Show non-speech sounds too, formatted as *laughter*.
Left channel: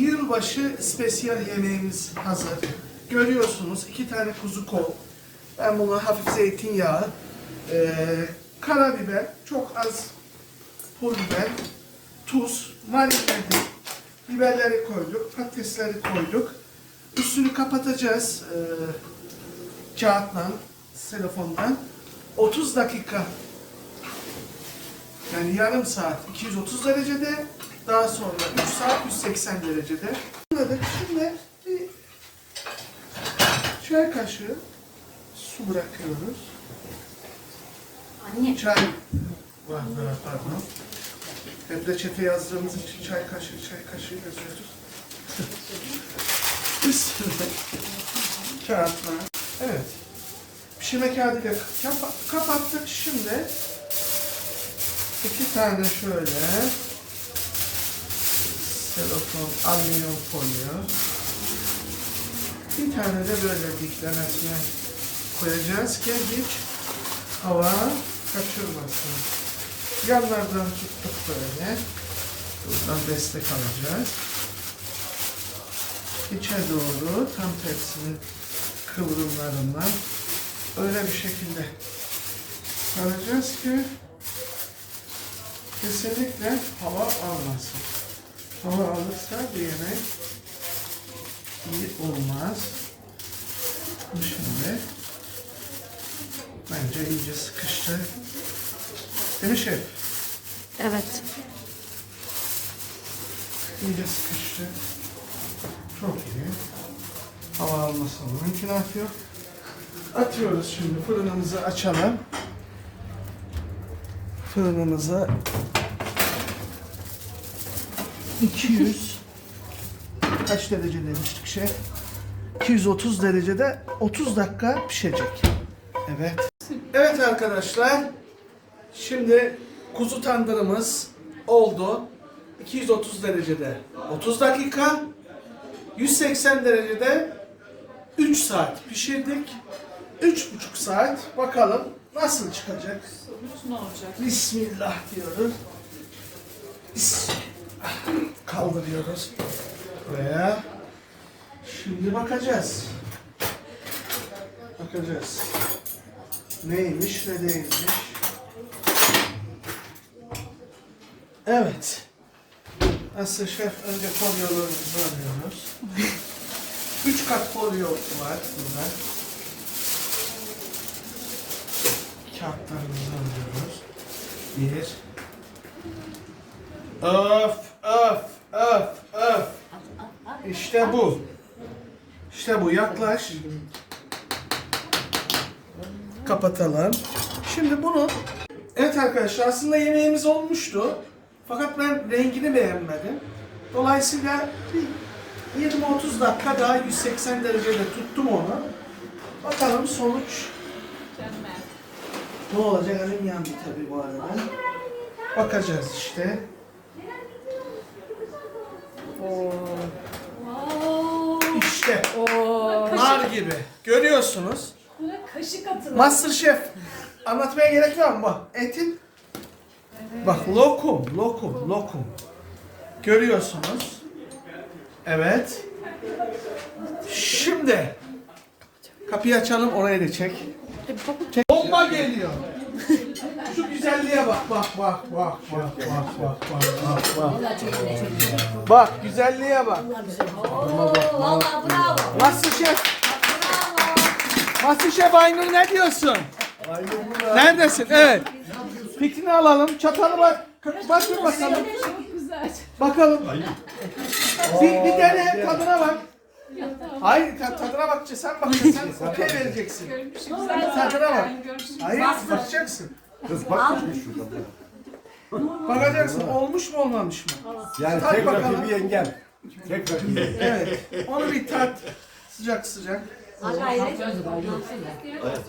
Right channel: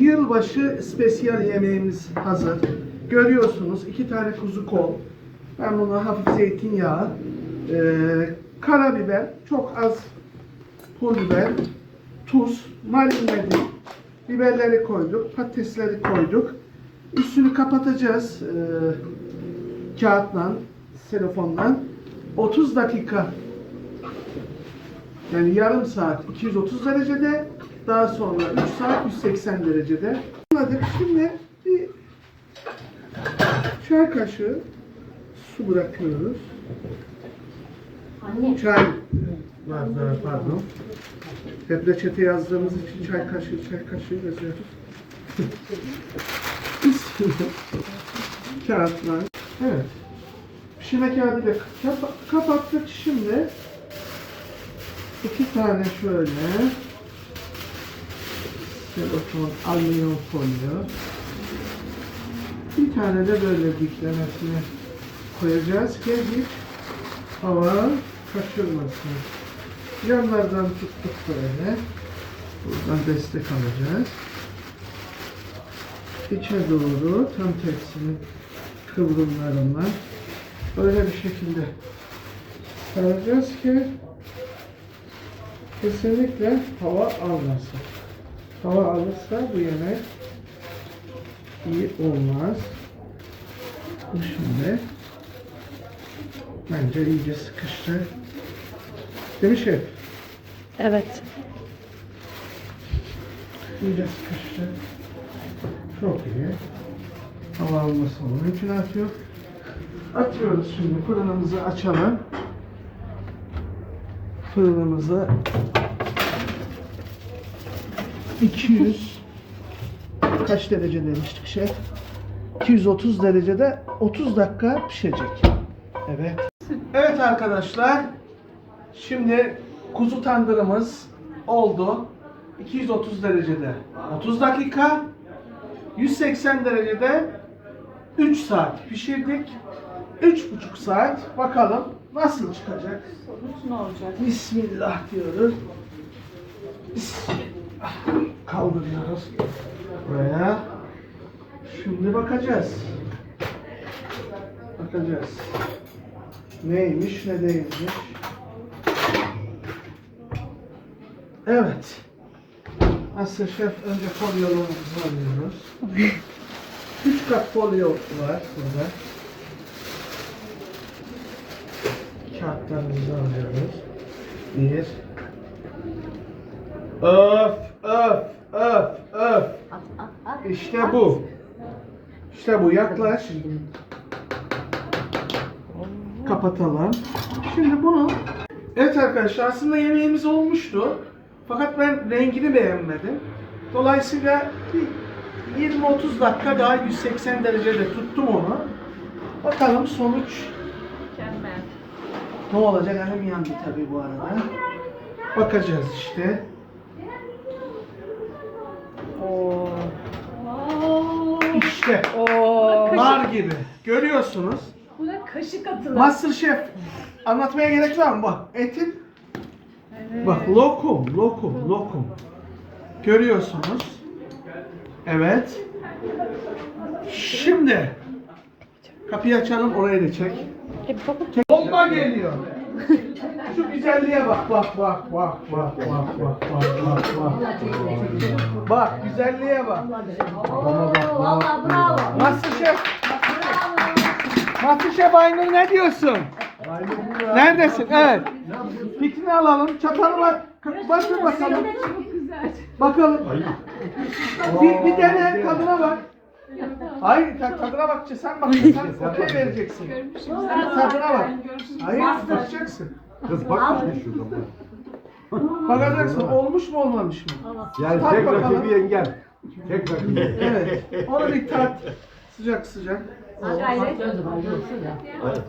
Yılbaşı spesiyel yemeğimiz hazır. Görüyorsunuz iki tane kuzu kol. Ben bunu hafif zeytinyağı, e, karabiber, çok az pul biber, tuz, marinledik. Biberleri koyduk, patatesleri koyduk. Üstünü kapatacağız e, kağıtla, telefondan. 30 dakika yani yarım saat 230 derecede, daha sonra 3 saat 180 derecede. Anladık. Şimdi bir çay kaşığı su bırakıyoruz. Anne. Çay bardağı pardon. Hep reçete yazdığımız için çay kaşığı, çay kaşığı yazıyoruz. *laughs* Üstüne kağıtla. Evet. Pişirme kağıdıyla kapa- kapattık. Şimdi iki tane şöyle selofon alüminyum folyo. Bir tane de böyle diklemesine koyacağız ki hiç hava kaçırmasın. Yanlardan tuttuk böyle. Buradan destek alacağız. İçe doğru tam tersinin kıvrımlarına böyle bir şekilde saracağız ki kesinlikle hava almasın. Hava alırsa bir yemek iyi olmaz. Bu Şimdi bence iyice sıkıştı. Değil mi şef? Evet. İyice sıkıştı. Çok iyi. Hava almasının mümkünatı yok. Atıyoruz şimdi fırınımızı açalım. Fırınımızı 200 kaç derece demiştik şef? 230 derecede 30 dakika pişecek. Evet. Evet arkadaşlar. Şimdi kuzu tandırımız oldu. 230 derecede 30 dakika. 180 derecede 3 saat pişirdik. 3,5 saat bakalım nasıl çıkacak. Sonuç ne olacak? Bismillah diyoruz. Bismillah. Kaldırıyoruz. Buraya. Şimdi bakacağız. Bakacağız. Neymiş ne değilmiş. Evet. Asya Şef önce folyolarımızı alıyoruz. *laughs* Üç kat folyo var burada. Kağıtlarımızı alıyoruz. Bir. Öf, öf, öf, öf. İşte bu. İşte bu. Yaklaş. Kapatalım. Şimdi bunu... Evet arkadaşlar aslında yemeğimiz olmuştu. Fakat ben rengini beğenmedim. Dolayısıyla bir 20-30 dakika daha 180 derecede tuttum onu. Bakalım sonuç Mükemmel. Ne olacak? Elim yandı tabii bu arada. Bakacağız işte. Oo. İşte. Oo. Nar gibi. Görüyorsunuz. Buna kaşık atılır. Masterchef. Anlatmaya gerek var mı? Bak etin. Bak lokum, lokum, lokum. Görüyorsunuz. Evet. Şimdi kapıyı açalım oraya da çek. Çek. Bomba geliyor. Şu güzelliğe bak bak bak bak bak bak bak bak bak bak. Bak güzelliğe bak. Valla bravo. Masterchef. Masterchef Aynur ne diyorsun? Neredesin? Evet. Fikrini alalım. Çatalı bak. Bakın bakalım. Bakalım. Bir, bir dene tadına bak. Hayır ta- tadına bakacaksın. Sen bakacaksın. Sen okey vereceksin. Tadına bak. Hayır bakacaksın. Kız bakmış şurada. Bakacaksın. Olmuş mu olmamış mı? Yani Tat tek bakalım. rakibi yengem. Tek rakibi. Evet. Onu bir tat. Sıcak sıcak. Ha gayret. Hadi